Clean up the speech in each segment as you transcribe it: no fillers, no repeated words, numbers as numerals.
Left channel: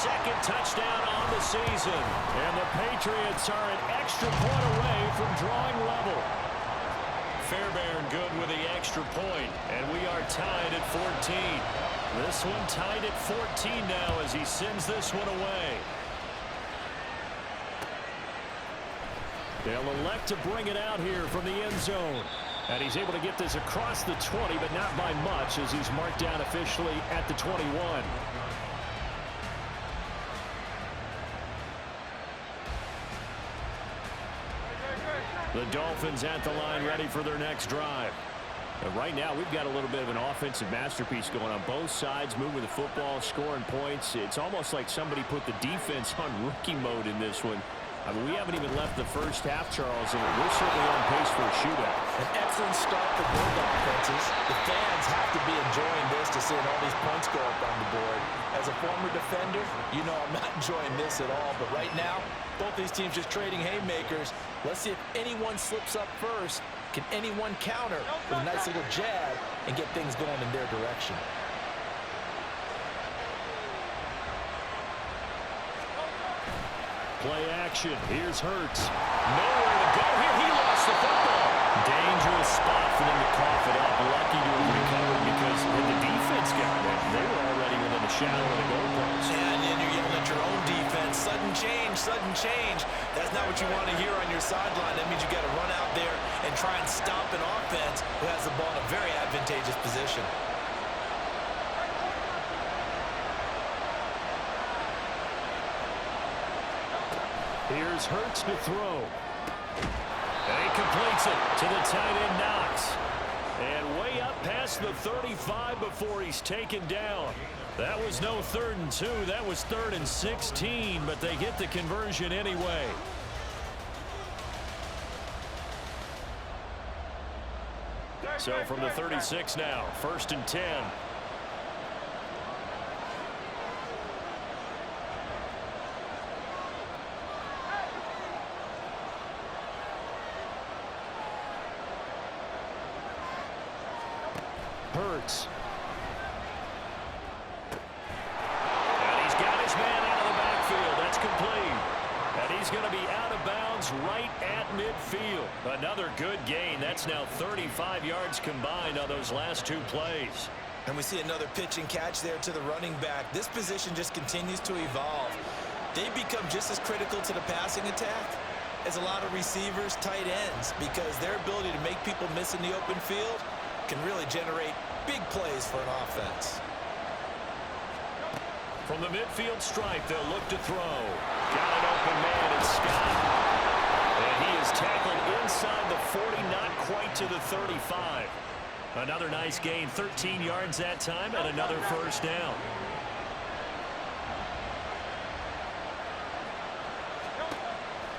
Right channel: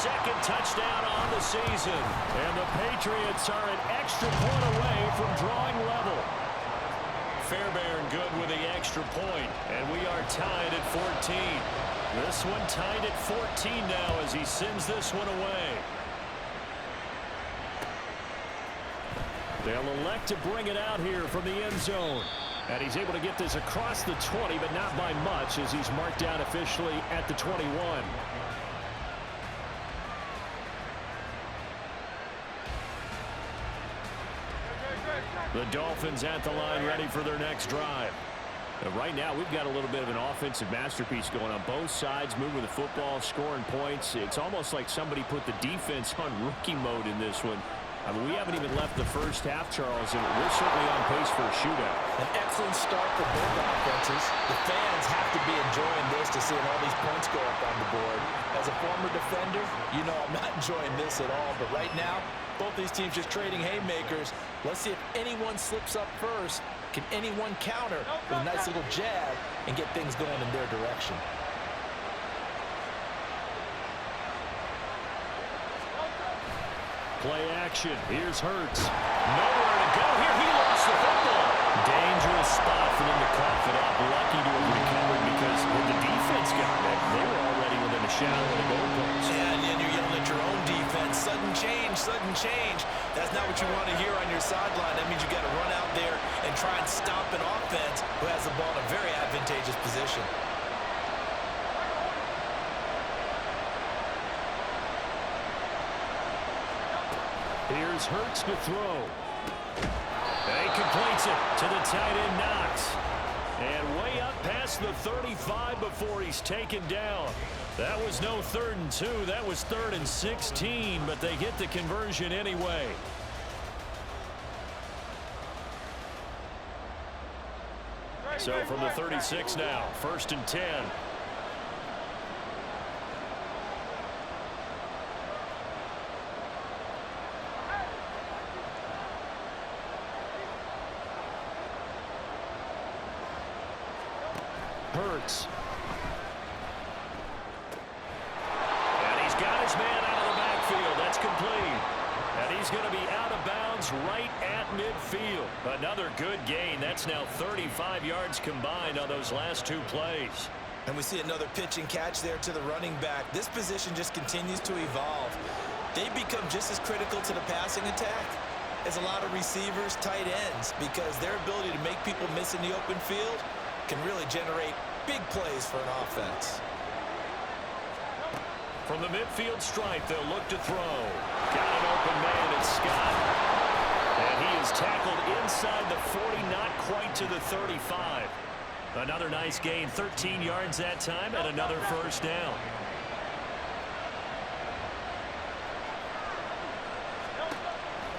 second touchdown on the season. And the Patriots are an extra point away from drawing level. Fairbairn good with the extra point, and we are tied at 14. This one tied at 14 now as he sends this one away. They'll elect to bring it out here from the end zone. And he's able to get this across the 20, but not by much as he's marked down officially at the 21. The Dolphins at the line ready for their next drive. And right now we've got a little bit of an offensive masterpiece going on both sides, moving the football, scoring points. It's almost like somebody put the defense on rookie mode in this one. I mean, we haven't even left the first half, Charles, and we're certainly on pace for a shootout. An excellent start for both offenses. The fans have to be enjoying this to seeing all these points go up on the board. As a former defender, you know I'm not enjoying this at all. But right now, both these teams just trading haymakers. Let's see if anyone slips up first. Can anyone counter with a nice little jab and get things going in their direction? Play action. Here's Hurts. Nowhere to go here. He lost the football. Dangerous spot for them to cough it up. Lucky to have recovered because when the defense got it, they were already within a shadow of the goalpost. And then you're yelling at your own defense. Sudden change, sudden change. That's not what you want to hear on your sideline. That means you got to run out there and try and stop an offense who has the ball in a very advantageous position. Here's Hurts to throw. And he completes it to the tight end, Knox. And way up past the 35 before he's taken down. That was no 3rd and 2. That was 3rd and 16, but they get the conversion anyway. So from the 36 now, 1st and 10. Hurts. And he's got his man out of the backfield. That's complete. And he's going to be out of bounds right at midfield. Another good gain. That's now 35 yards combined on those last 2 plays. And we see another pitch and catch there to the running back. This position just continues to evolve. They become just as critical to the passing attack as a lot of receivers, tight ends, because their ability to make people miss in the open field can really generate big plays for an offense. From the midfield stripe, they'll look to throw. Got an open man, it's Scott. And he is tackled inside the 40, not quite to the 35. Another nice gain, 13 yards that time, and another 1st down.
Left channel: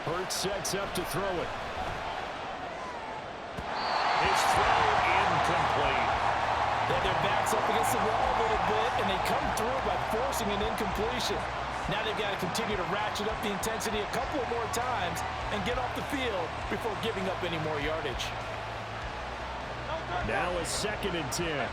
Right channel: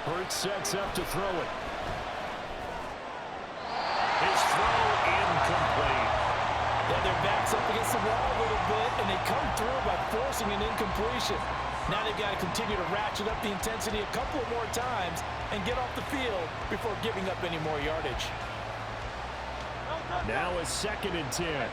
Hurts sets up to throw it. His throw incomplete. Yeah, their back's up against the wall a little bit, and they come through by forcing an incompletion. Now they've got to continue to ratchet up the intensity a couple of more times and get off the field before giving up any more yardage. Now a 2nd and 10.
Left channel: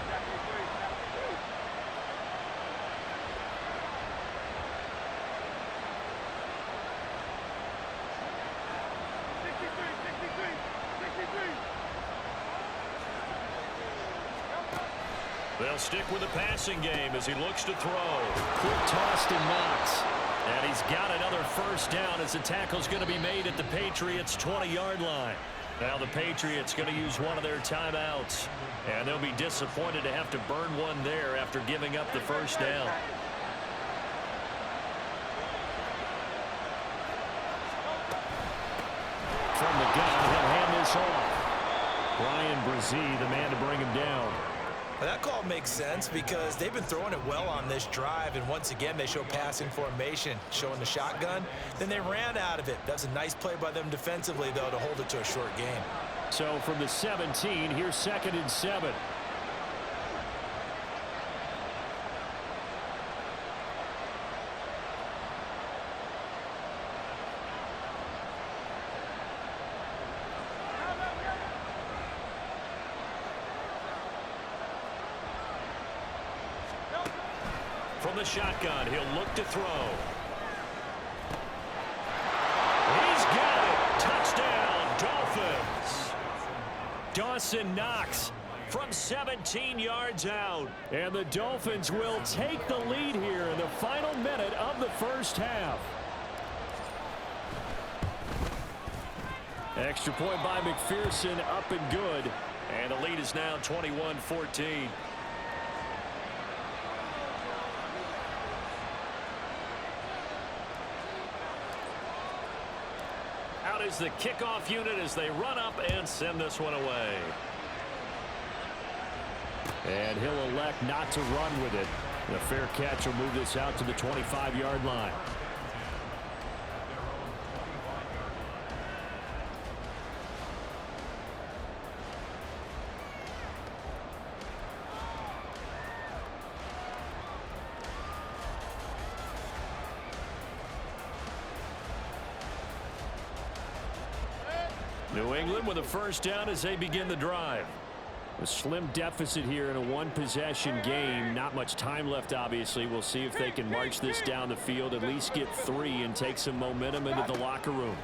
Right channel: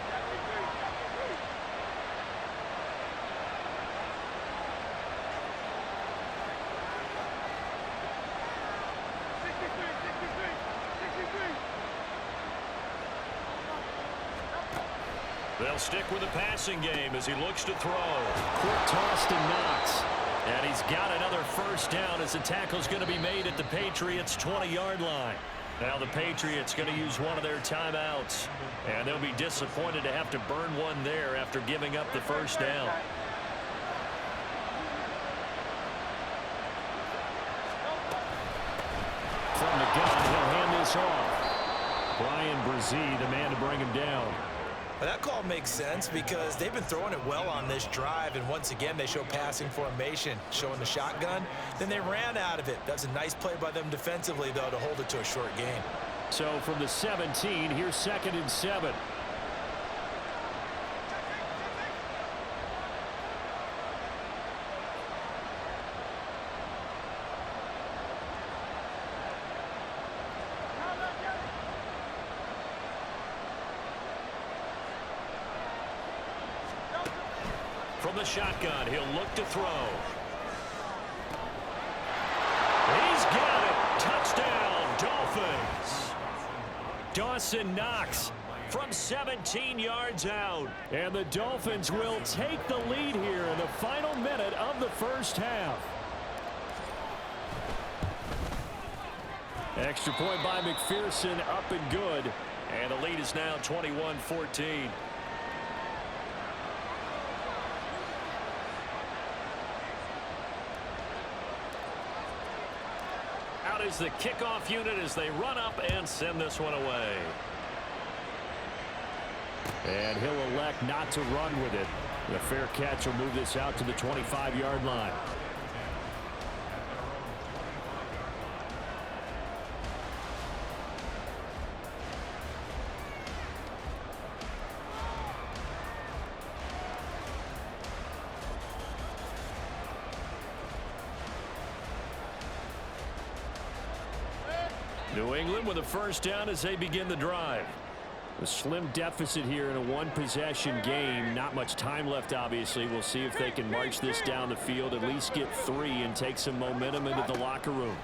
They'll stick with the passing game as he looks to throw. Quick toss to Knox. And he's got another 1st down as the tackle's going to be made at the Patriots' 20-yard line. Now the Patriots going to use one of their timeouts. And they'll be disappointed to have to burn one there after giving up the 1st down. From the gun, he'll hand this off. Bryan Bresee, the man to bring him down. Well, that call makes sense because they've been throwing it well on this drive, and once again they show passing formation, showing the shotgun. Then they ran out of it. That's a nice play by them defensively, though, to hold it to a short gain. So from the 17, here's 2nd and 7. From the shotgun. He'll look to throw. He's got it. Touchdown, Dolphins. Dawson Knox from 17 yards out. And the Dolphins will take the lead here in the final minute of the first half. Extra point by McPherson, up and good. And the lead is now 21-14. Out is the kickoff unit as they run up and send this one away. And he'll elect not to run with it. The fair catch will move this out to the 25-yard line. New England with a first down as they begin the drive. A slim deficit here in a one-possession game. Not much time left, obviously. We'll see if they can march this down the field, at least get 3 and take some momentum into the locker room.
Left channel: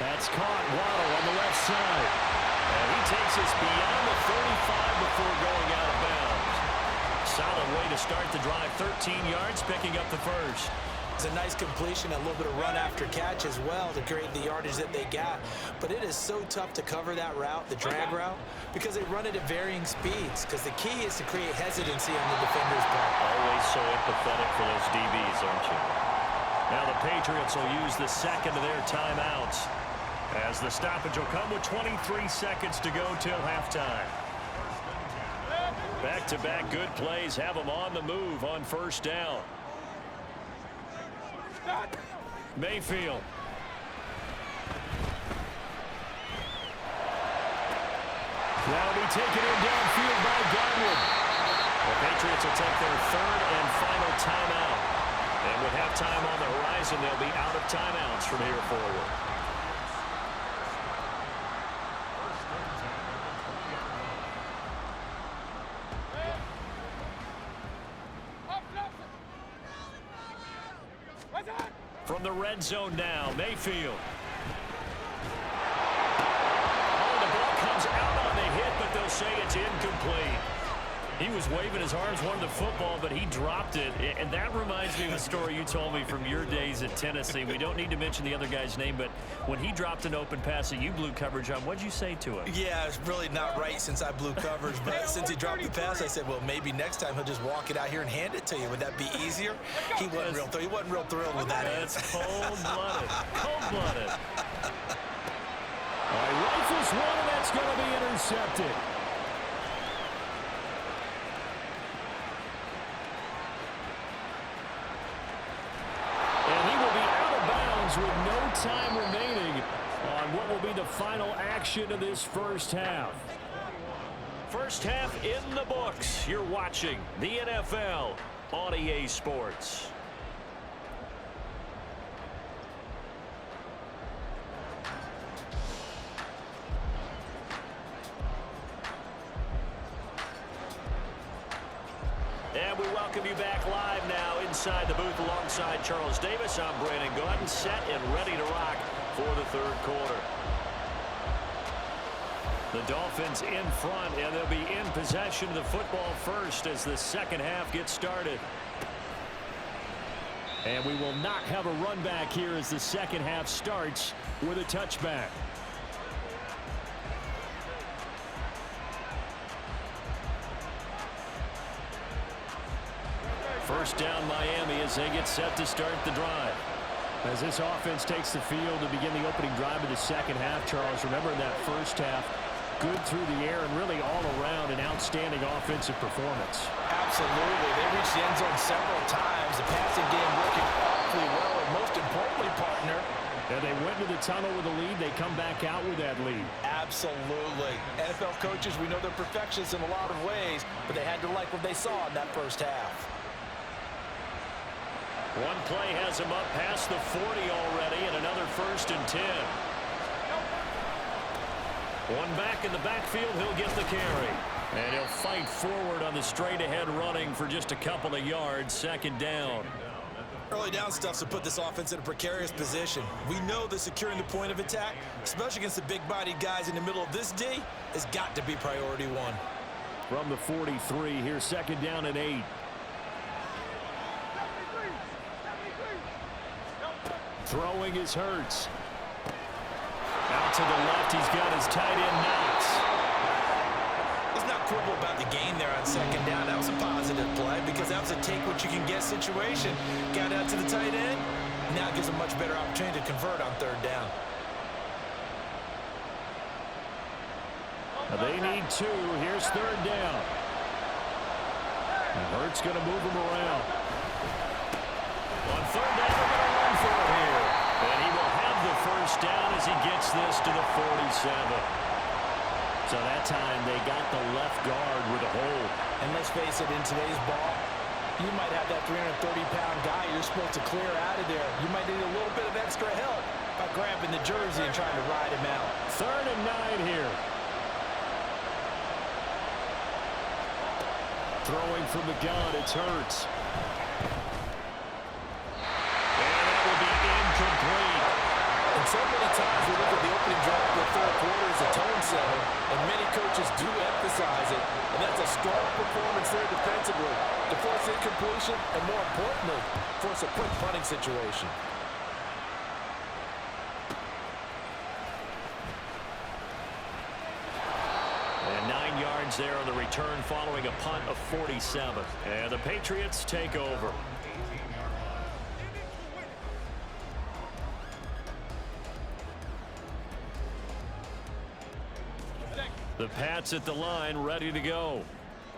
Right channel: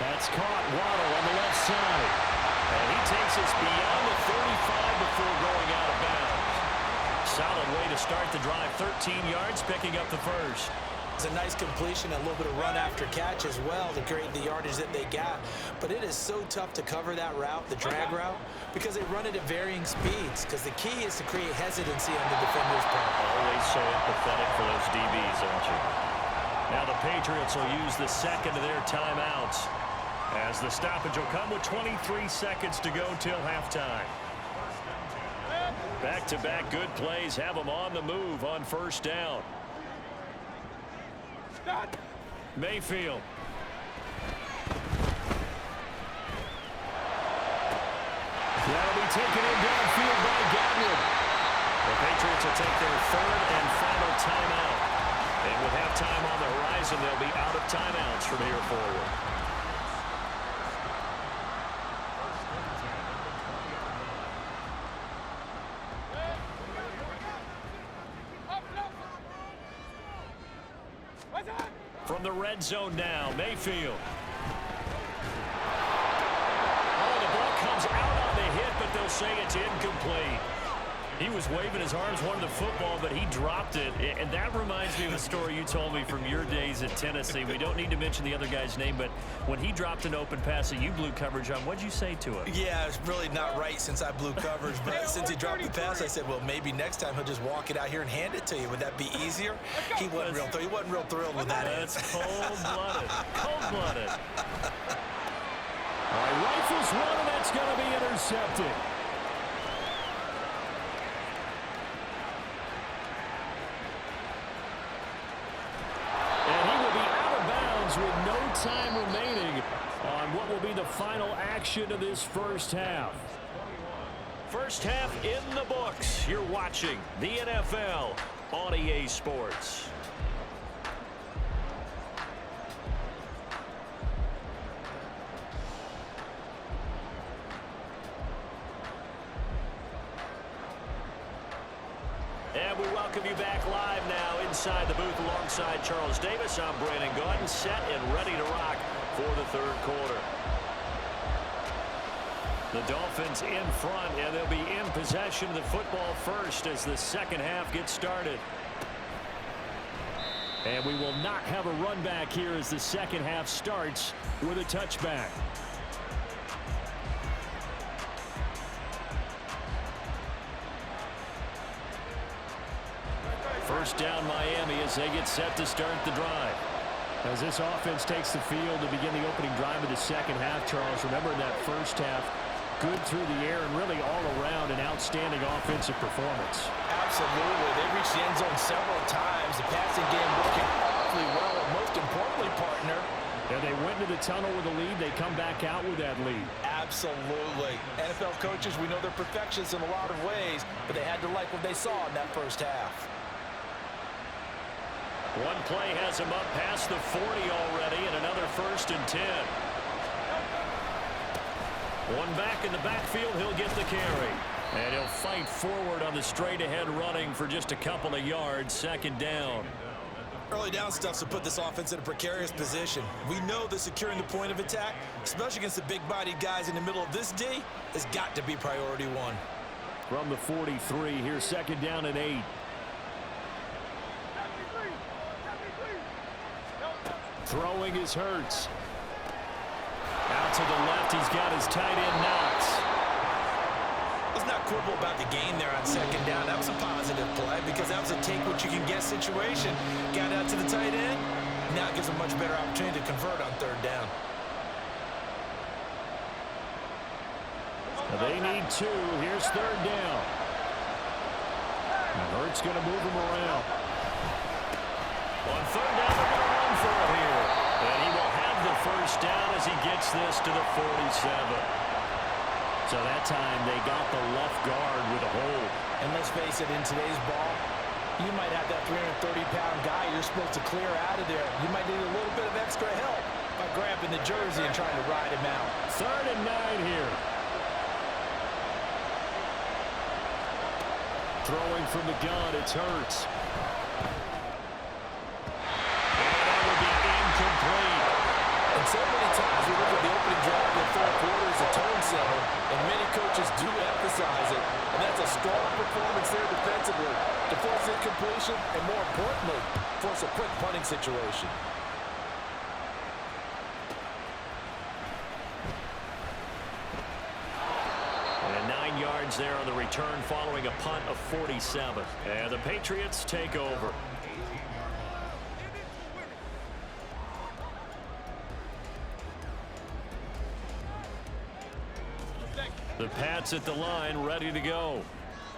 That's caught. Waddle on the left side. And he takes us beyond the 35 before going out of bounds. Solid way to start the drive. 13 yards, picking up the first. It's a nice completion, a little bit of run after catch as well to create the yardage that they got. But it is so tough to cover that route, the drag route, because they run it at varying speeds. Because the key is to create hesitancy on the defender's part. Always so empathetic for those DBs, aren't you? Now the Patriots will use the second of their timeouts, as the stoppage will come with 23 seconds to go till halftime. Back-to-back good plays have them on the move on first down. Mayfield. That'll be taken in downfield by Godwin. The Patriots will take their third and final timeout. And with halftime on the horizon, they'll be out of timeouts from here forward. From the red zone now, Mayfield. Oh, the ball comes out on the hit, but they'll say it's incomplete. He was waving his arms, wanted the football, but he dropped it. And that reminds me of a story you told me from your days at Tennessee. We don't need to mention the other guy's name, but when he dropped an open pass that you blew coverage on, what'd you say to him? Yeah, it's really not right since I blew coverage, but since he dropped the pass, I said, well, maybe next time he'll just walk it out here and hand it to you. Would that be easier? He wasn't real thrilled with that. That's cold-blooded. Cold-blooded. All right, rifles one, and that's going to be intercepted. And he will be out of bounds with no time remaining on what will be the final action of this first half. First half in the books. You're watching the NFL on EA Sports. And we welcome you back live now inside the booth alongside Charles Davis. I'm Brandon Gaudin, set and ready to rock for the third quarter. The Dolphins in front, and they'll be in possession of the football first as the second half gets started. And we will not have a run back here as the second half starts with a touchback. First down Miami as they get set to start the drive. As this offense takes the field to begin the opening drive of the second half, Charles, remember in that first half, good through the air and really all around an outstanding offensive performance. Absolutely. They reached the end zone several times. The passing game working awfully well, and most importantly, partner, and they went into the tunnel with a lead. They come back out with that lead. Absolutely. NFL coaches, we know they're perfectionists in a lot of ways, but they had to like what they saw in that first half. One play has him up past the 40 already, and another 1st and 10. One back in the backfield, he'll get the carry. And he'll fight forward on the straight-ahead running for just a couple of yards, second down. Early down stuff's to put this offense in a precarious position. We know that securing the point of attack, especially against the big-bodied guys in the middle of this D, has got to be priority one. From the 43, here's second down and 8. Throwing is Hurts. Out to the left, he's got his tight end Knox. Let's not quibble about the gain there on second down. That was a positive play because that was a take-what-you-can-get situation. Got out to the tight end. Now it gives a much better opportunity to convert on third down. They need 2. Here's third down. And Hurts going to move him around. On third down, they're going to run for it here. And he will have the first down as he gets this to the 47. So that time they got the left guard with a hold. And let's face it, in today's ball, you might have that 330-pound guy you're supposed to clear out of there. You might need a little bit of extra help by grabbing the jersey and trying to ride him out. Third and 9 here. Throwing from the gun, it's Hurts. And that will be incomplete. And so many times we look at the opening drive of the fourth quarter as a tone setter, and many coaches do emphasize it. And that's a strong performance there defensively to force incompletion and, more importantly, force a quick punting situation. And 9 yards there on the return following a punt of 47. And the Patriots take over. The Pats at the line, ready to go.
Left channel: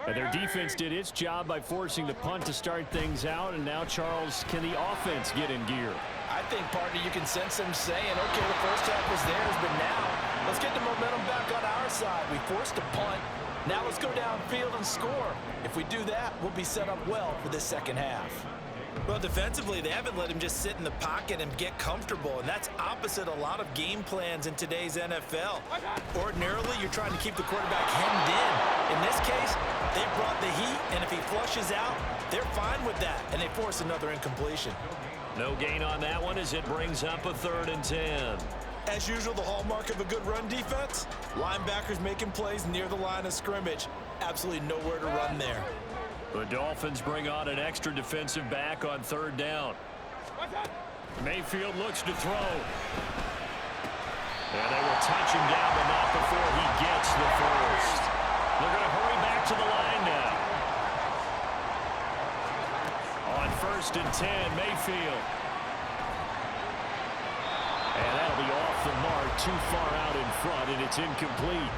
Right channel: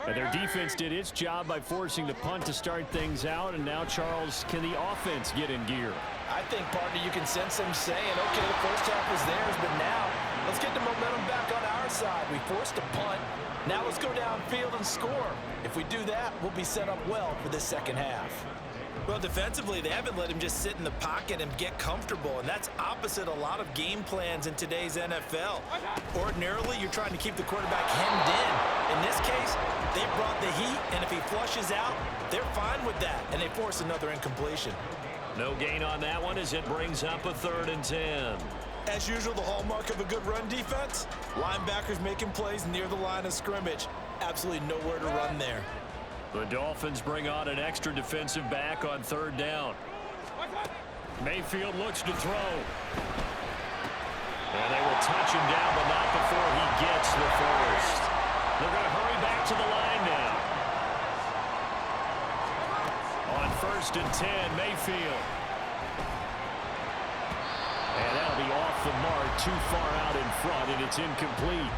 And their defense did its job by forcing the punt to start things out. And now, Charles, can the offense get in gear? I think, partner, you can sense them saying, okay, the first half was theirs, but now let's get the momentum back on our side. We forced a punt. Now let's go downfield and score. If we do that, we'll be set up well for this second half. Well, defensively, they haven't let him just sit in the pocket and get comfortable, and that's opposite a lot of game plans in today's NFL. Ordinarily, you're trying to keep the quarterback hemmed in. In this case, they brought the heat, and if he flushes out, they're fine with that, and they force another incompletion. No gain on that one as it brings up a 3rd and 10. As usual, the hallmark of a good run defense, linebackers making plays near the line of scrimmage. Absolutely nowhere to run there. The Dolphins bring on an extra defensive back on 3rd down. Mayfield looks to throw. And they will touch him down, but not before he gets the first. They're going to hurry back to the line now. On 1st and 10, Mayfield. And that'll be off the mark, too far out in front, and it's incomplete.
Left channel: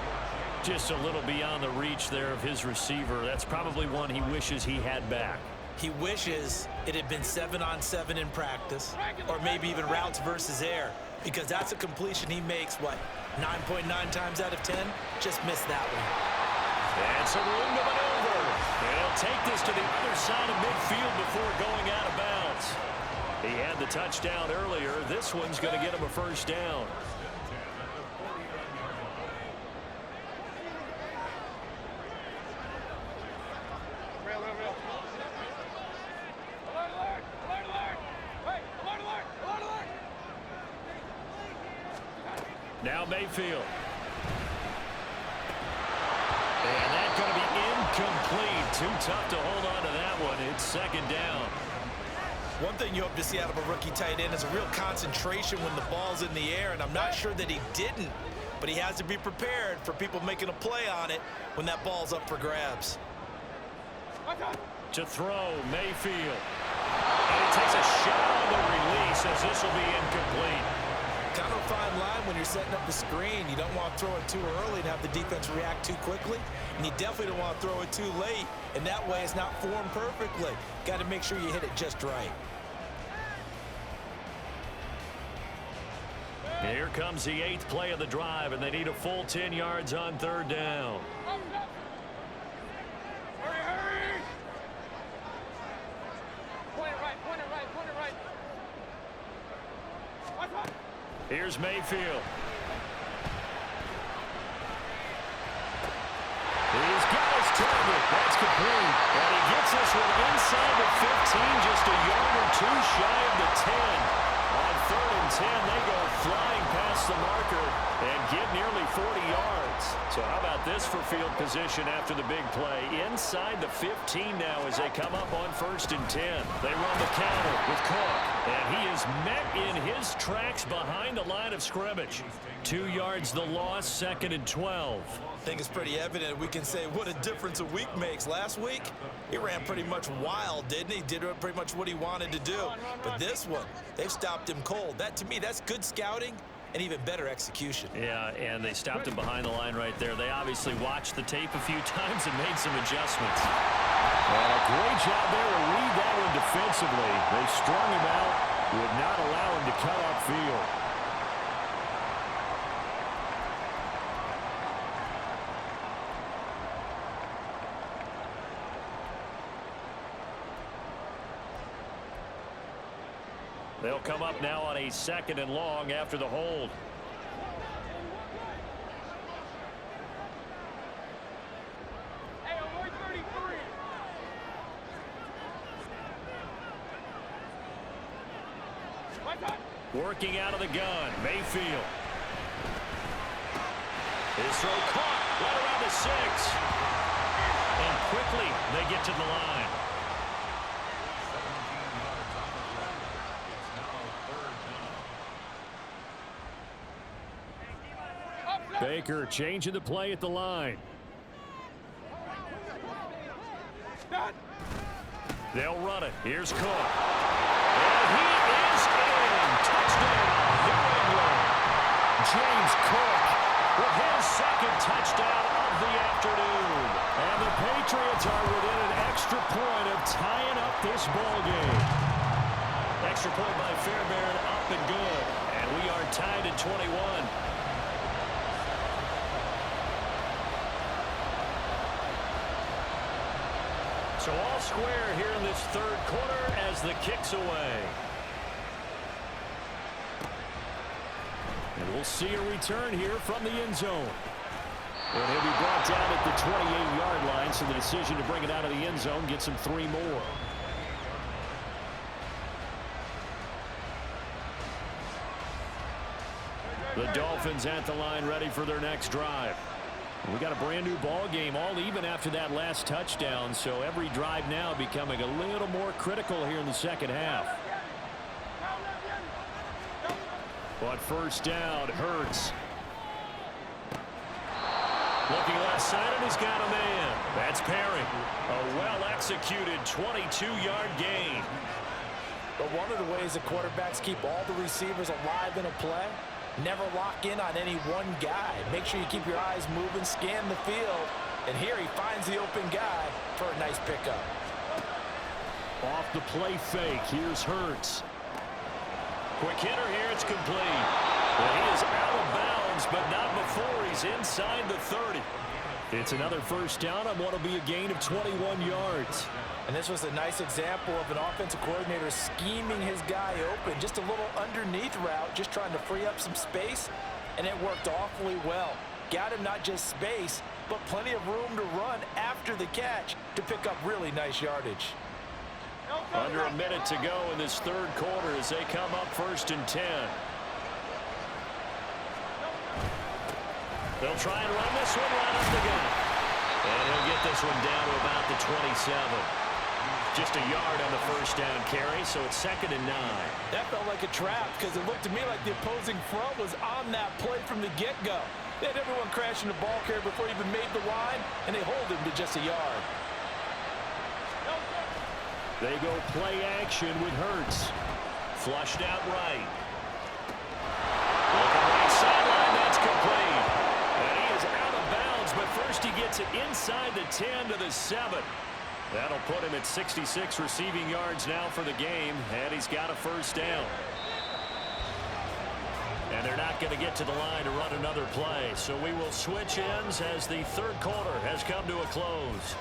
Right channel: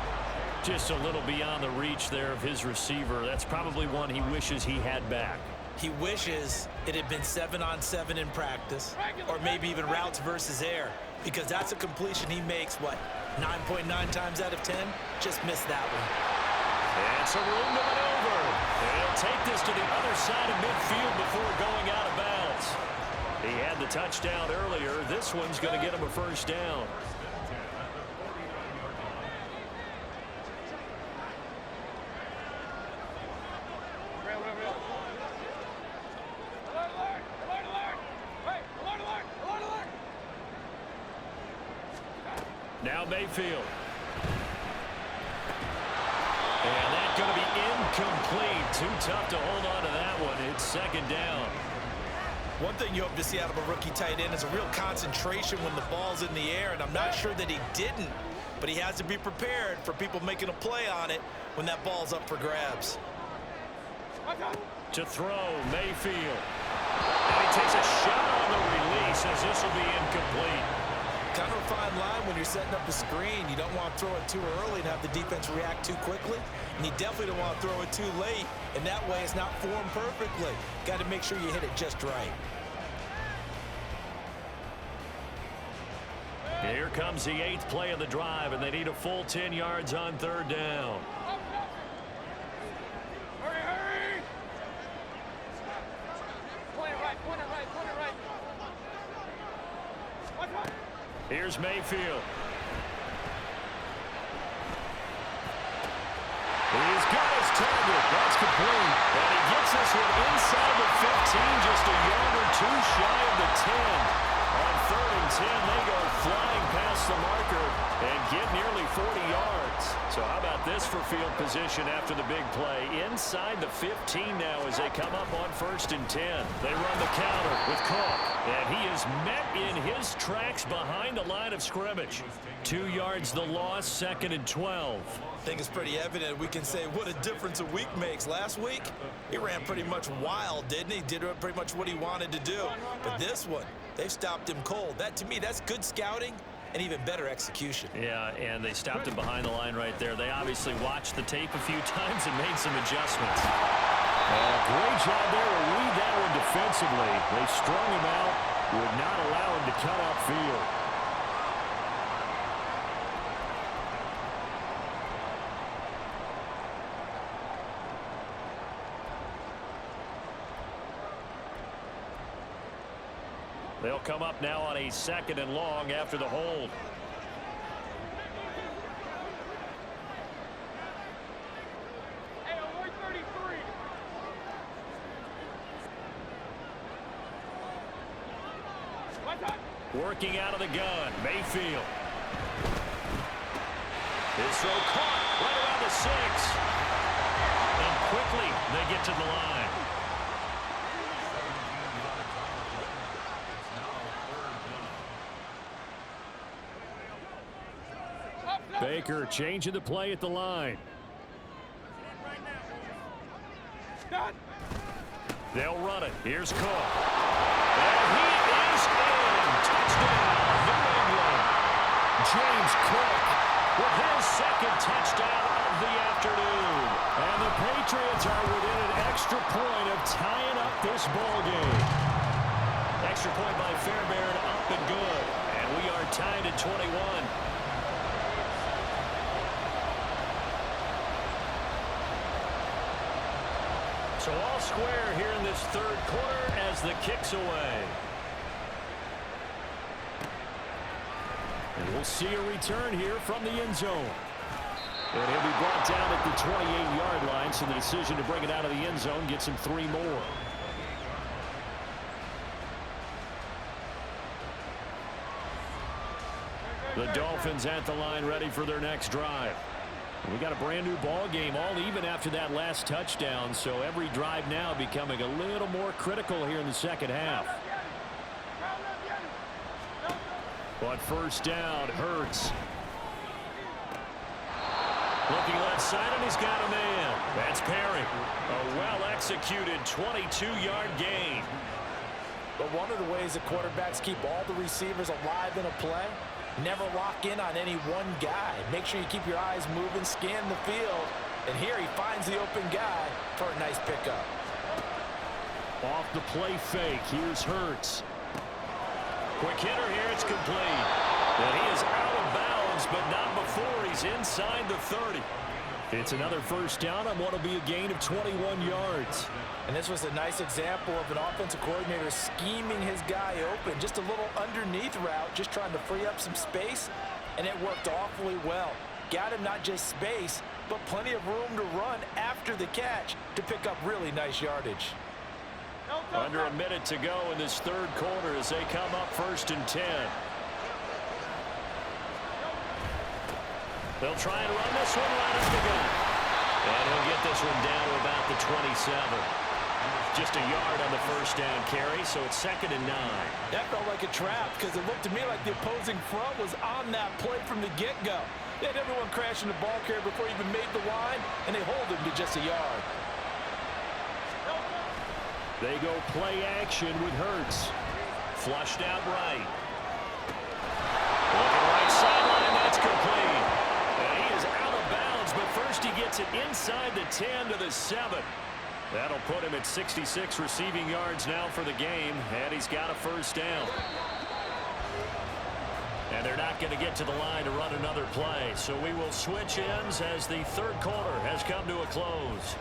Just a little beyond the reach there of his receiver. That's probably one he wishes he had back. He wishes it had been 7-on-7 in practice, or maybe even routes versus air, because that's a completion he makes, 9.9 times out of 10? Just missed that one. And some room to maneuver. And he'll take this to the other side of midfield before going out of bounds. He had the touchdown earlier. This one's going to get him a first down. Now Mayfield. And that's going to be incomplete. Too tough to hold on to that one. It's 2nd down. One thing you hope to see out of a rookie tight end is a real concentration when the ball's in the air, and I'm not sure that he didn't, but he has to be prepared for people making a play on it when that ball's up for grabs. To throw, Mayfield. And he takes a shot on the release as this will be incomplete. Kind of a fine line when you're setting up the screen. You don't want to throw it too early and have the defense react too quickly. And you definitely don't want to throw it too late. And that way it's not formed perfectly. Got to make sure you hit it just right. Here comes the 8th play of the drive, and they need a full 10 yards on 3rd down. Hurry! Point it right, point it right, point it right. Here's Mayfield. He's got his target. That's complete. And he gets this one inside the 15, just a yard or two shy of the 10. On 3rd and 10, they go flying past the marker and get nearly 40 yards. So how about this for field position after the big play? Inside the 15 now as they come up on 1st and 10. They run the counter with Cook, and he is met in his tracks behind the line of scrimmage. 2 yards the loss, 2nd and 12. I think it's pretty evident we can say what a difference a week makes. Last week, he ran pretty much wild, didn't he? Did pretty much what he wanted to do. But this one, they've stopped him cold. That, to me, that's good scouting and even better execution. Yeah, and they stopped him behind the line right there. They obviously watched the tape a few times and made some adjustments. And a great job there to read that one defensively. They strung him out, would not allow him to cut upfield. They'll come up now on a 2nd and long after the hold. Hey, alert 33. What's up? Working out of the gun, Mayfield. His throw caught right around the 6. And quickly they get to the line. Baker changing the play at the line. They'll run it. Here's Cook. And he is in. Touchdown, New England. James Cook with his 2nd touchdown of the afternoon. And the Patriots are within an extra point of tying up this ball game. Extra point by Fairbairn, up and good. And we are tied at 21. So all square here in this 3rd quarter as the kick's away. And we'll see a return here from the end zone. And he'll be brought down at the 28-yard line, so the decision to bring it out of the end zone gets him 3 more. The Dolphins at the line ready for their next drive. We got a brand new ball game, all even after that last touchdown, so every drive now becoming a little more critical here in the 2nd half. But 1st down, Hurts. Looking left side, and he's got a man. That's Perry. A well-executed 22-yard gain. But one of the ways that quarterbacks keep all the receivers alive in a play, never lock in on any one guy. Make sure you keep your eyes moving, scan the field, and here he finds the open guy for a nice pickup. Off the play fake, here's Hurts. Quick hitter here, it's complete. And he is out of bounds, but not before he's inside the 30. It's another 1st down on what will be a gain of 21 yards. And this was a nice example of an offensive coordinator scheming his guy open. Just a little underneath route, just trying to free up some space, and it worked awfully well. Got him not just space, but plenty of room to run after the catch to pick up really nice yardage. Under a minute to go in this 3rd quarter as they come up 1st and 10. They'll try and run this one right up the gut. And he'll get this one down to about the 27. Just a yard on the 1st down carry, so it's 2nd and 9. That felt like a trap because it looked to me like the opposing front was on that play from the get-go. They had everyone crashing the ball carrier before he even made the line, and they hold him to just a yard. They go play action with Hurts. Flushed out right. Looking right sideline, that's complete. And he is out of bounds, but first he gets it inside the 10 to the 7. That'll put him at 66 receiving yards now for the game, and he's got a 1st down. And they're not going to get to the line to run another play, so we will switch ends as the 3rd quarter has come to a close.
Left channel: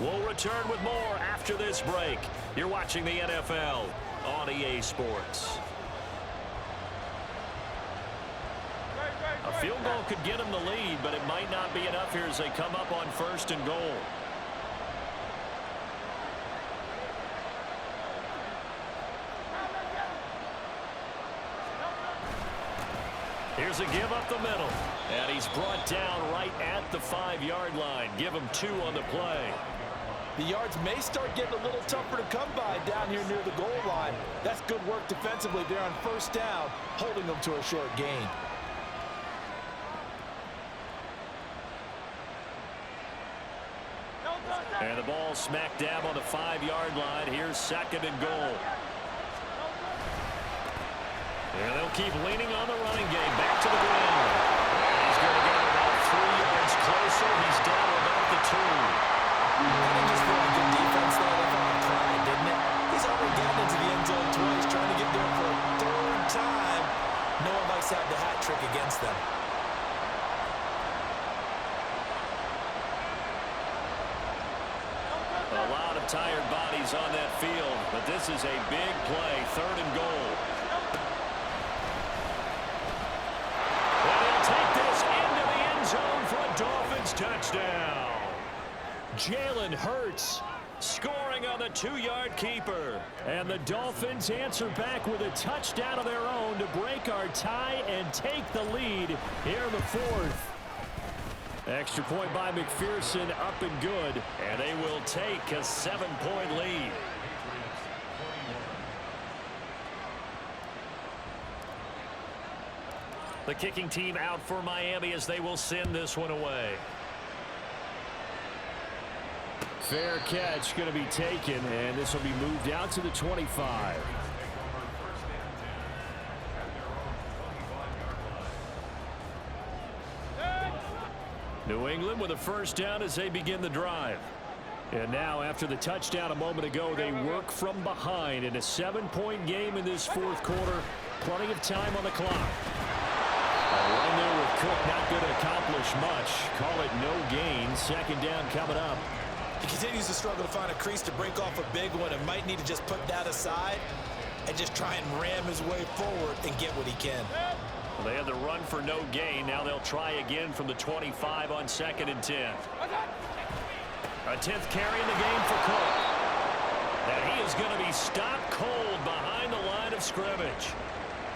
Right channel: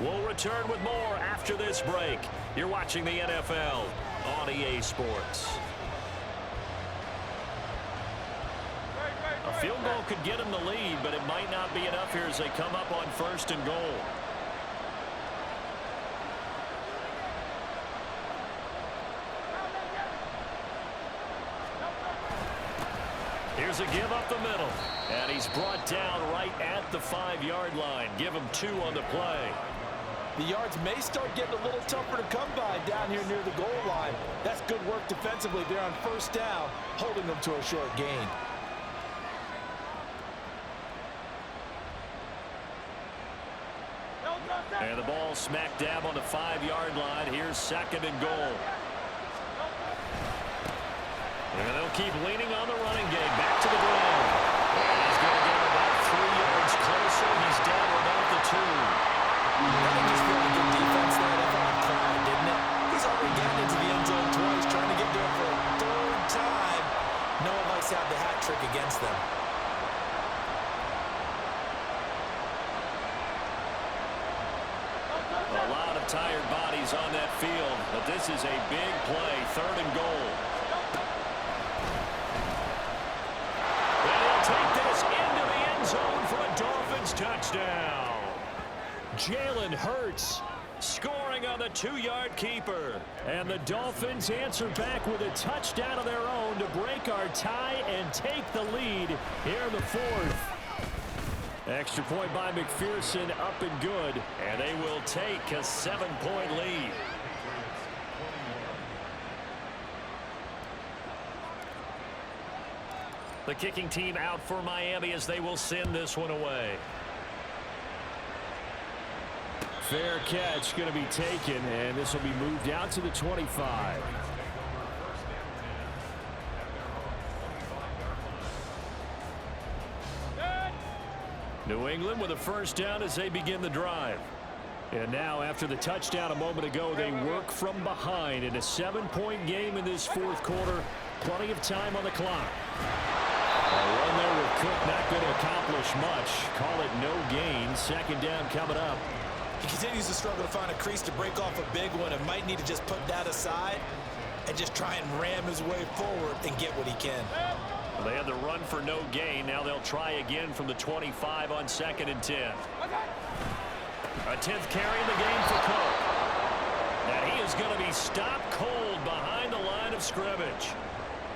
We'll return with more after this break. You're watching the NFL on EA Sports. A Field goal could get them the lead, but it might not be enough here as they come up on 1st and goal. Here's a give up the middle. And he's brought down right at the 5-yard line. Give him 2 on the play. The yards may start getting a little tougher to come by down here near the goal line. That's good work defensively there on 1st down, holding them to a short gain. And the ball smack dab on the 5-yard line. Here's 2nd and goal. And they'll keep leaning on the running game. Back to the ground. And he's going to get him about 3 yards closer. He's down about the 2. That didn't just feel like good defense there. That felt like pride, didn't it? He's already gotten into the end zone twice, trying to get there for a 3rd time. No one likes to have the hat trick against them. A lot of tired bodies on that field, but this is a big play. 3rd and goal. And he'll take this into the end zone for a Dolphins touchdown. Jalen Hurts scoring on the 2-yard keeper. And the Dolphins answer back with a touchdown of their own to break our tie and take the lead here in the 4th. Extra point by McPherson, up and good. And they will take a 7-point lead. The kicking team out for Miami as they will send this one away. Fair catch going to be taken, and this will be moved out to the 25. New England with a 1st down as they begin the drive. And now after the touchdown a moment ago, they work from behind in a 7-point game in this 4th quarter. Plenty of time on the clock. A run there with Cook not going to accomplish much. Call it no gain. 2nd down coming up. He continues to struggle to find a crease to break off a big one and might need to just put that aside and just try and ram his way forward and get what he can. Well, they had the run for no gain. Now they'll try again from the 25 on 2nd and 10. A 10th carry in the game for Cook. And he is going to be stopped cold behind the line of scrimmage.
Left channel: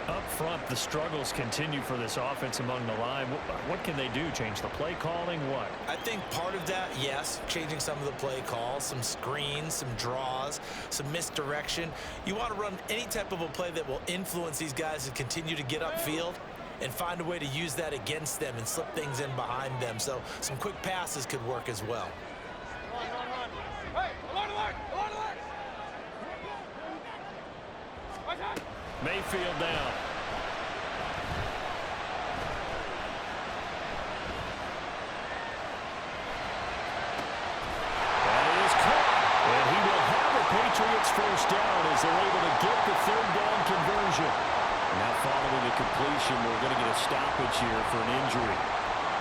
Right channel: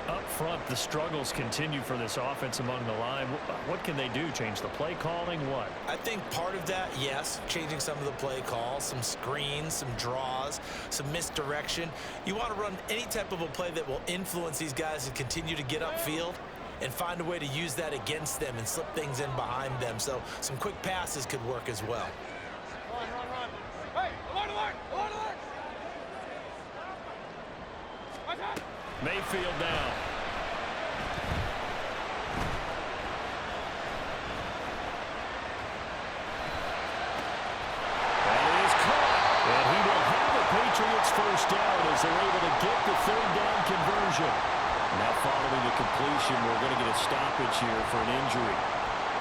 Up front, the struggles continue for this offense among the line. What can they do? Change the play calling? What? I think part of that, yes, changing some of the play calls, some screens, some draws, some misdirection. You want to run any type of a play that will influence these guys to continue to get upfield and find a way to use that against them and slip things in behind them. So some quick passes could work as well. Run. Hey, alert! Mayfield down. That is caught. And he will have the Patriots 1st down as they're able to get the 3rd down conversion. Now following the completion, we're going to get a stoppage here for an injury.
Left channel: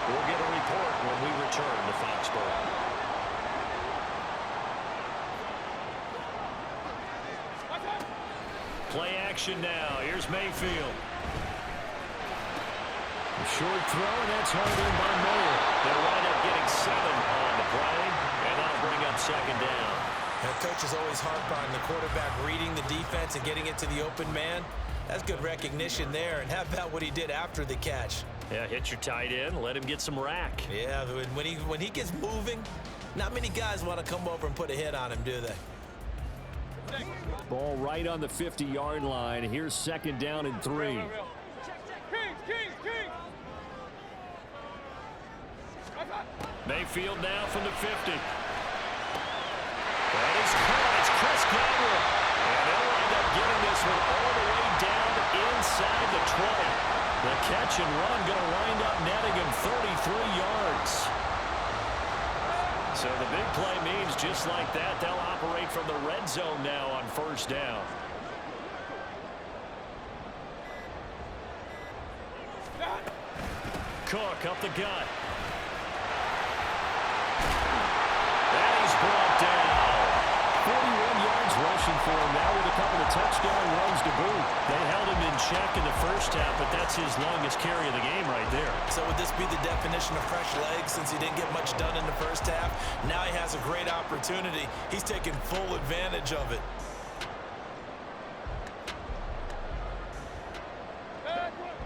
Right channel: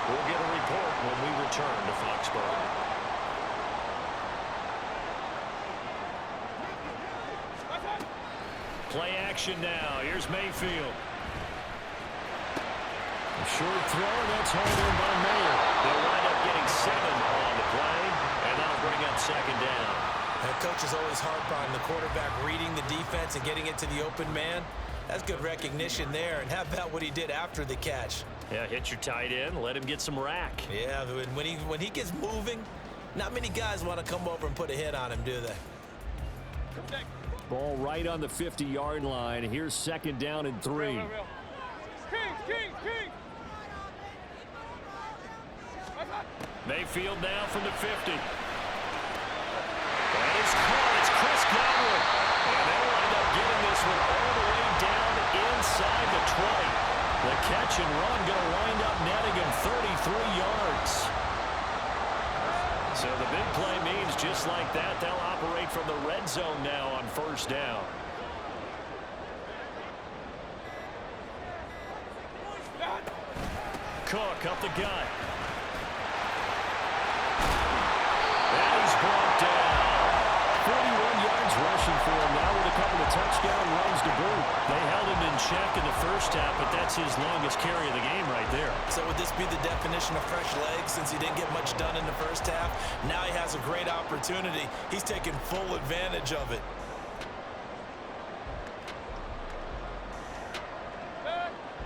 We'll get a report when we return to Foxborough. Play action now. Here's Mayfield. A short throw, and that's hauled in by Mayer. They'll wind up getting 7 on the play, and that'll bring up 2nd down. And coach is always harp on the quarterback reading the defense and getting it to the open man. That's good recognition there. And how about what he did after the catch? Yeah, hit your tight end, let him get some rack. Yeah, when he gets moving, not many guys want to come over and put a hit on him, do they? Ball right on the 50-yard line. Here's 2nd down and 3. King! Mayfield now from the 50. That is caught. It's Chris Godwin. And they'll wind up getting this one all the way down inside the 20. The catch and run going to wind up netting him 33 yards. So the big play means just like that, they'll operate from the red zone now on 1st down. Cook up the gut. And he's brought down. 41 yards rushing. reputation for him now with a couple of touchdown runs to boot. They held him in check in the first half, but that's his longest carry of the game right there. So would this be the definition of fresh legs since he didn't get much done in the first half? Now he has a great opportunity. He's taking full advantage of it.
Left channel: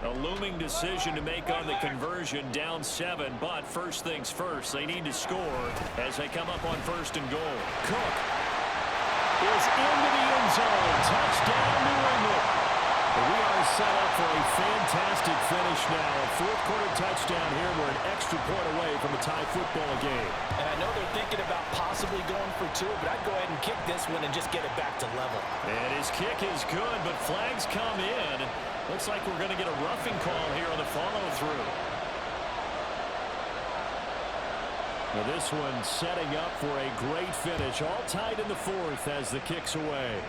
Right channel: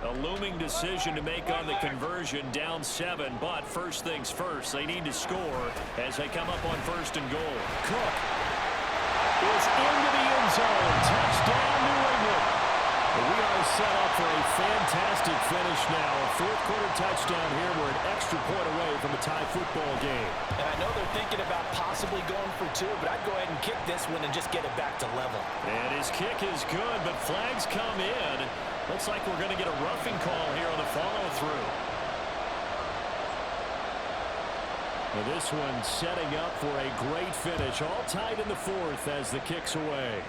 A looming decision to make on the conversion, down 7, but first things first, they need to score as they come up on 1st and goal. Cook is into the end zone. Touchdown, New England. We are set up for a fantastic finish now. A fourth-quarter touchdown here. We're an extra point away from a tie football game. And I know they're thinking about possibly going for 2, but I'd go ahead and kick this one and just get it back to level. And his kick is good, but flags come in. Looks like we're going to get a roughing call here on the follow-through. Now this one setting up for a great finish. All tied in the 4th as the kick's away.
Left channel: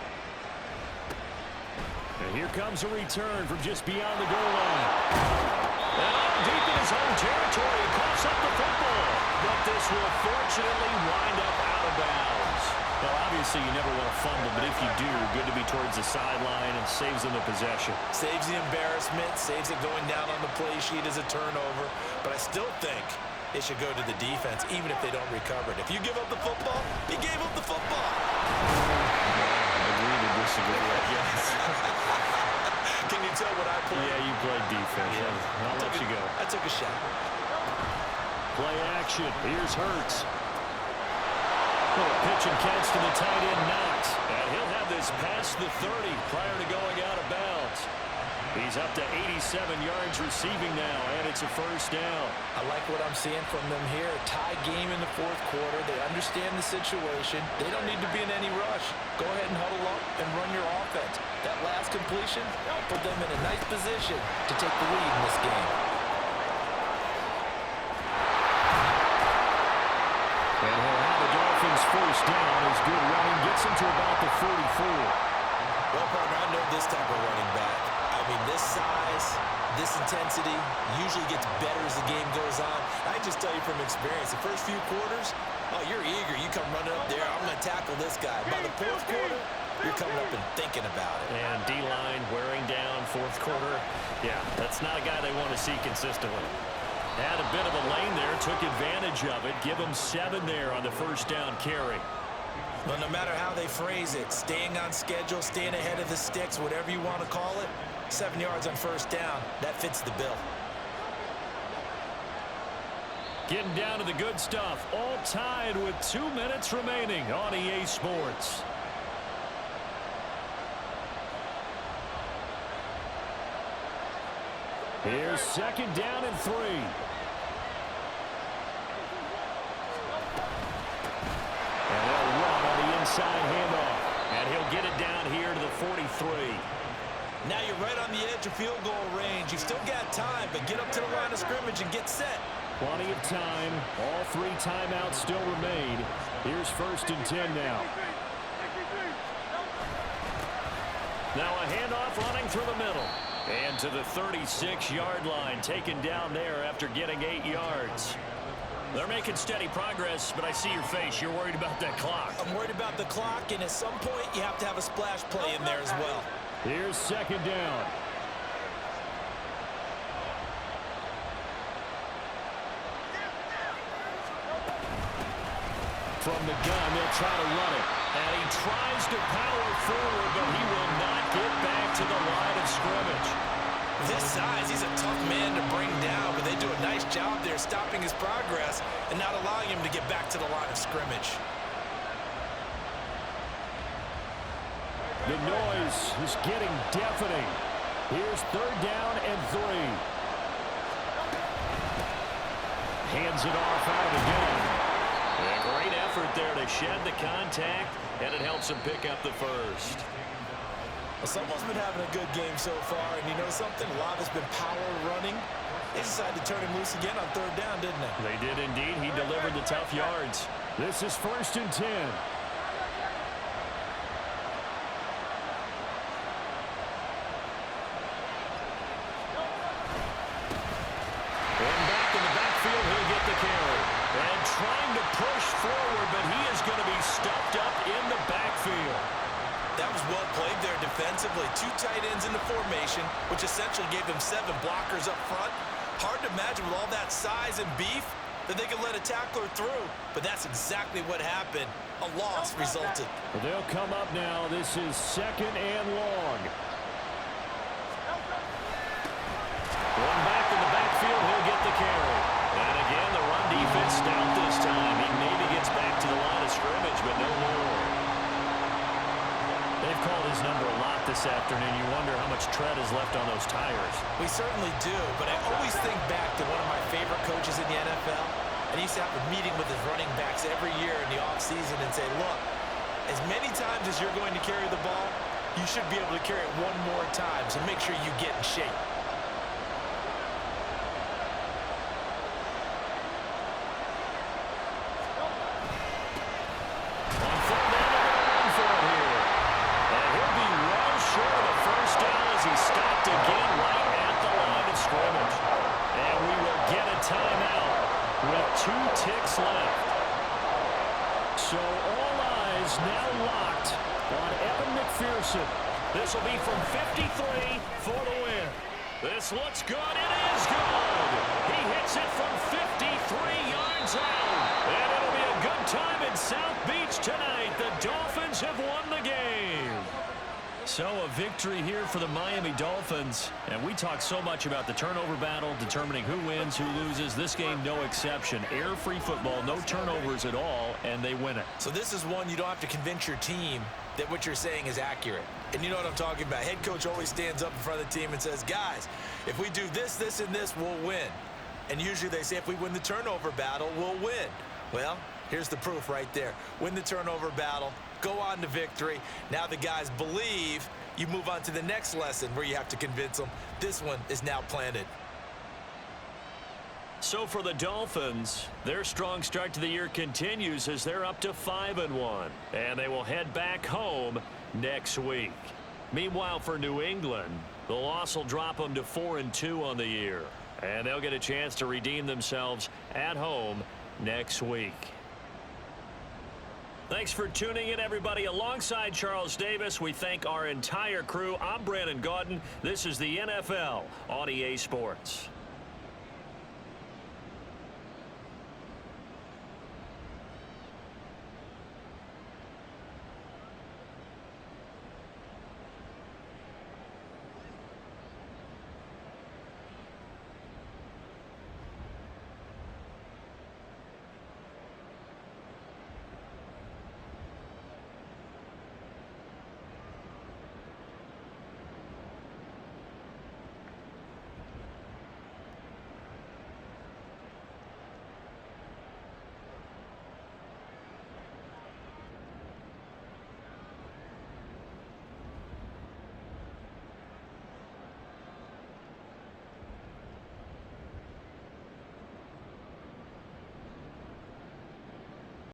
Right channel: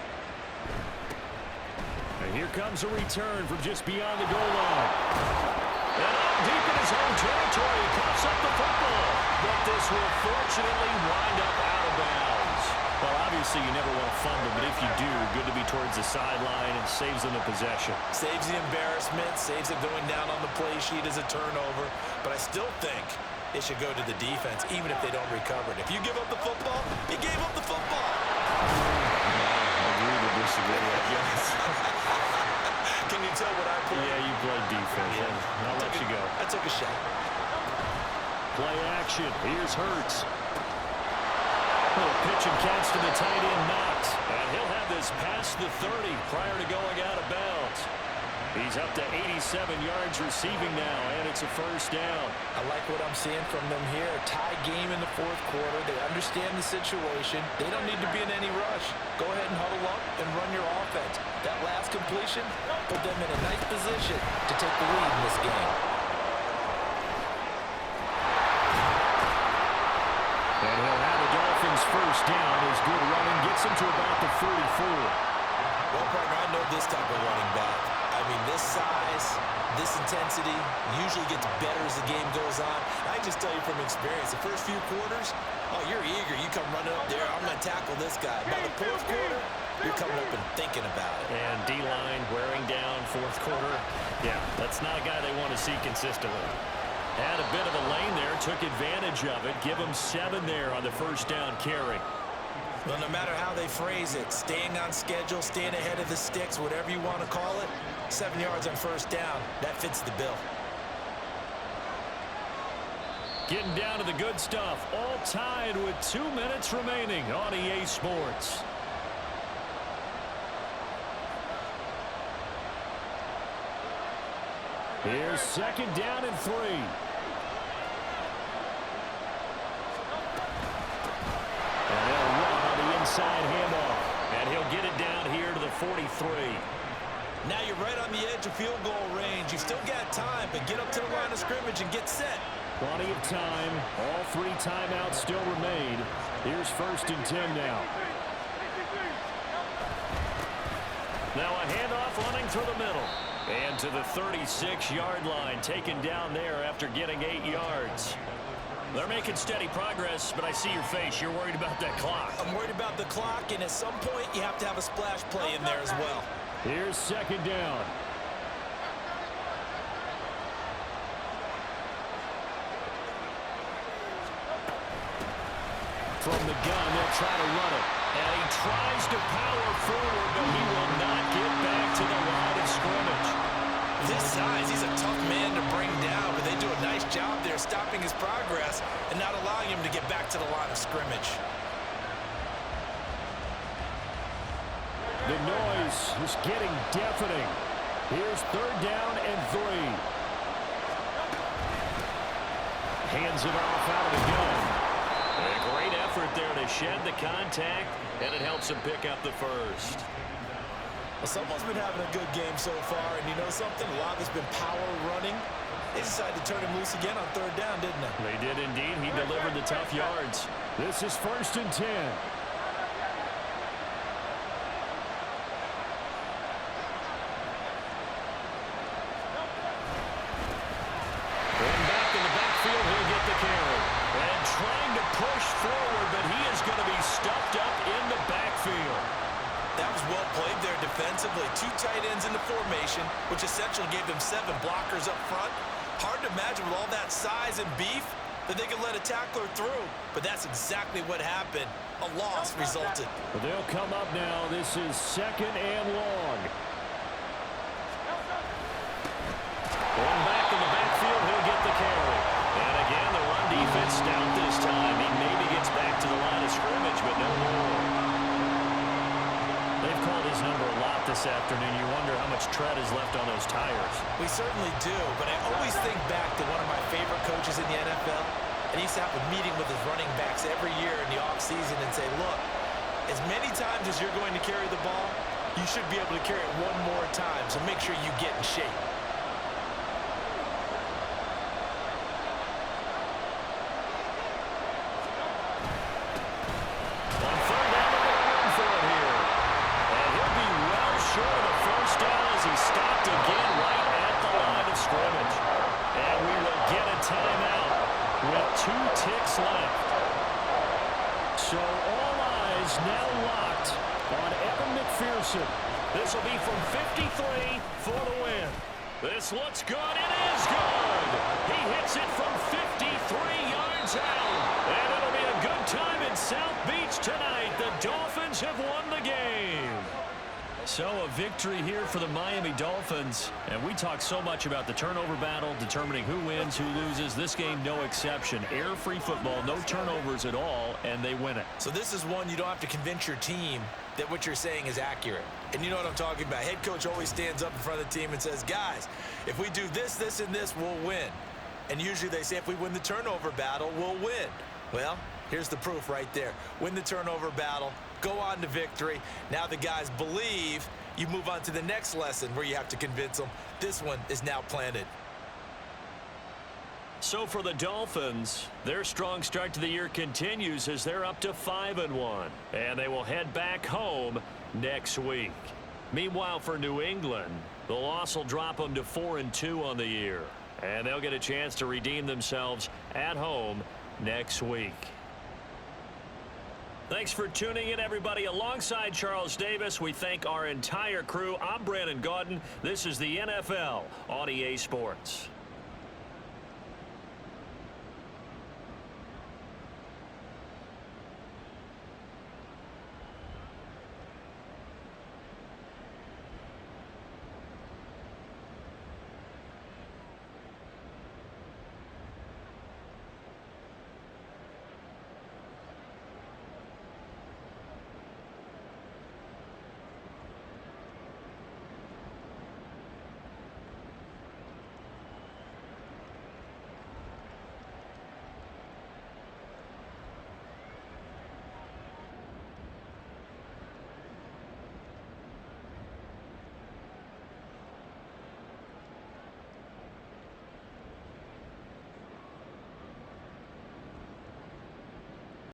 And here comes a return from just beyond the goal line. And all deep in his own territory, he coughs up the football. But this will fortunately wind up out of bounds. Well, obviously you never want to fumble, but if you do, good to be towards the sideline and saves them the possession. Saves the embarrassment, saves it going down on the play sheet as a turnover. But I still think it should go to the defense, even if they don't recover it. If you give up the football, you gave up the football. Agree to disagree, I guess. Can you tell what I played? Yeah, you played defense. Yeah. I'll let you go. I took a shot. Play action. Here's Hurts. Little pitch and catch to the tight end, Knox. And he'll have this past the 30 prior to going out of bounds. He's up to 87 yards receiving now, and it's a first down. I like what I'm seeing from them here. A tie game in the 4th quarter. They understand the situation. They don't need to be in any rush. Go ahead and huddle up and run your offense. That last completion put them in a nice position to take the lead in this game. And he'll have the Dolphins first down. His good running gets him to about the 44. Well, partner, I know this type of running back. I mean, this size, this intensity usually gets better as the game goes on. I can just tell you from experience, the first few quarters, oh, you're eager. You come running up there. I'm going to tackle this guy. By the 4th quarter, you're coming up and thinking about it. And D-line wearing down 4th quarter. Yeah, that's not a guy they want to see consistently. Had a bit of a lane there, took advantage of it. Give him 7 there on the first down carry. Well, no matter how they phrase it, staying on schedule, staying ahead of the sticks, whatever you want to call it, 7 yards on first down, that fits the bill. Getting down to the good stuff. All tied with 2 minutes remaining on EA Sports. Here's 2nd down and 3. And they'll run on the inside handoff. And he'll get it down here to the 43. Now you're right on the edge of field goal range. You've still got time, but get up to the line of scrimmage and get set. Plenty of time. All 3 timeouts still remain. Here's 1st and 10 now. Now a handoff running through the middle. And to the 36-yard line, taken down there after getting 8 yards. They're making steady progress, but I see your face. You're worried about that clock. I'm worried about the clock, and at some point, you have to have a splash play in there as well. Here's 2nd down. From the gun, they'll try to run it. And he tries to power forward, but he will not get back to the line of scrimmage. This size, he's a tough man to bring down, but they do a nice job there stopping his progress and not allowing him to get back to the line of scrimmage. The noise is getting deafening. Here's 3rd down and 3. Hands it off out of the gun. A great effort there to shed the contact, and it helps him pick up the first. Well, someone's been having a good game so far, and you know something? A lot of it's been power running. They decided to turn him loose again on 3rd down, didn't they? They did indeed. He delivered the tough yards. This is 1st and 10. And back in the backfield, he'll get the carry. And trying to push forward, but he is going to be stuffed up in the backfield. That was well played there defensively. 2 tight ends in the formation, which essentially gave them 7 blockers up front. Hard to imagine with all that size and beef that they could let a tackler through. But that's exactly what happened. A loss resulted. But they'll come up now. This is 2nd and long. Going back in the backfield, he'll get the carry. And again, the run defense stout this time. He maybe gets back to the line of scrimmage, but no more. They've called his number a lot this afternoon. You wonder how much tread is left on those tires. We certainly do, but I always think back to one of my favorite coaches in the NFL. And he used to have a meeting with his running backs every year in the offseason and say, look, as many times as you're going to carry the ball, you should be able to carry it one more time, so make sure you get in shape. On 3rd down, they're going to run for it here. And he'll be well short of a first down as he stopped again right at the line of scrimmage. And we will get a timeout with 2 ticks left. So all eyes now locked on Evan McPherson. This will be from 53 for the win. This looks good. It is good. He hits it from 53 yards out. And it'll be a good time in South Beach tonight. The Dolphins have won the game. So a victory here for the Miami Dolphins. And we talk so much about the turnover battle, determining who wins, who loses. This game, no exception. Air-free football, no turnovers at all, and they win it. So this is one you don't have to convince your team that what you're saying is accurate. And you know what I'm talking about. Head coach always stands up in front of the team and says, guys, if we do this, this, and this, we'll win. And usually they say if we win the turnover battle, we'll win. Well, here's the proof right there. Win the turnover battle, go on to victory. Now the guys believe. You move on to the next lesson where you have to convince them. This one is now planted. So for the Dolphins, their strong start to the year continues as they're up to 5-1. And they will head back home next week. Meanwhile, for New England, the loss will drop them to 4-2 on the year. And they'll get a chance to redeem themselves at home next week. Thanks for tuning in, everybody. Alongside Charles Davis, we thank our entire crew. I'm Brandon Gaudin. This is the NFL on EA Sports.